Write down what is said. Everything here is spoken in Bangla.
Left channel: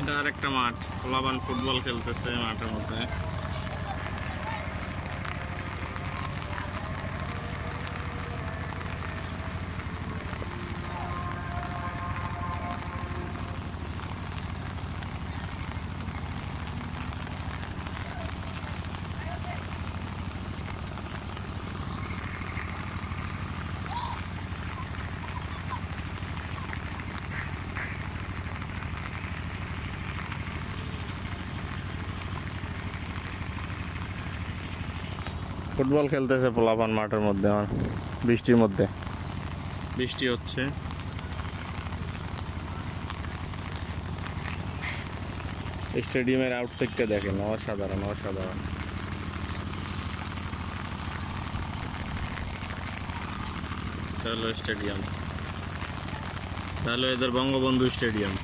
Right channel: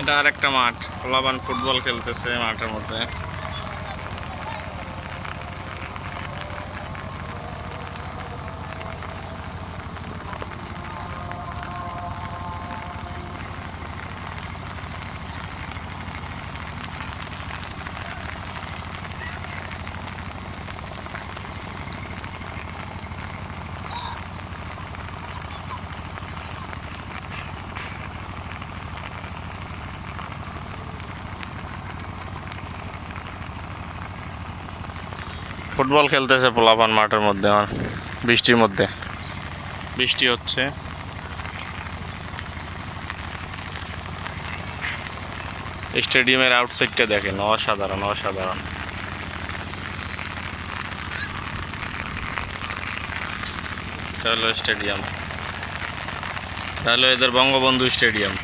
এটা আরেকটা মাঠ, পোলাপান ফুটবল খেলতেছে মাঠের মধ্যে। ফুটবল খেলতেছে পোলাপান মাঠের মধ্যে, বৃষ্টির মধ্যে। বৃষ্টি হচ্ছে। স্টেডিয়ামের আউটসাইডটা দেখেন, অসাধারণ অসাধারণ। এটা হলো স্টেডিয়াম, এটা হলো এদের বঙ্গবন্ধু স্টেডিয়াম।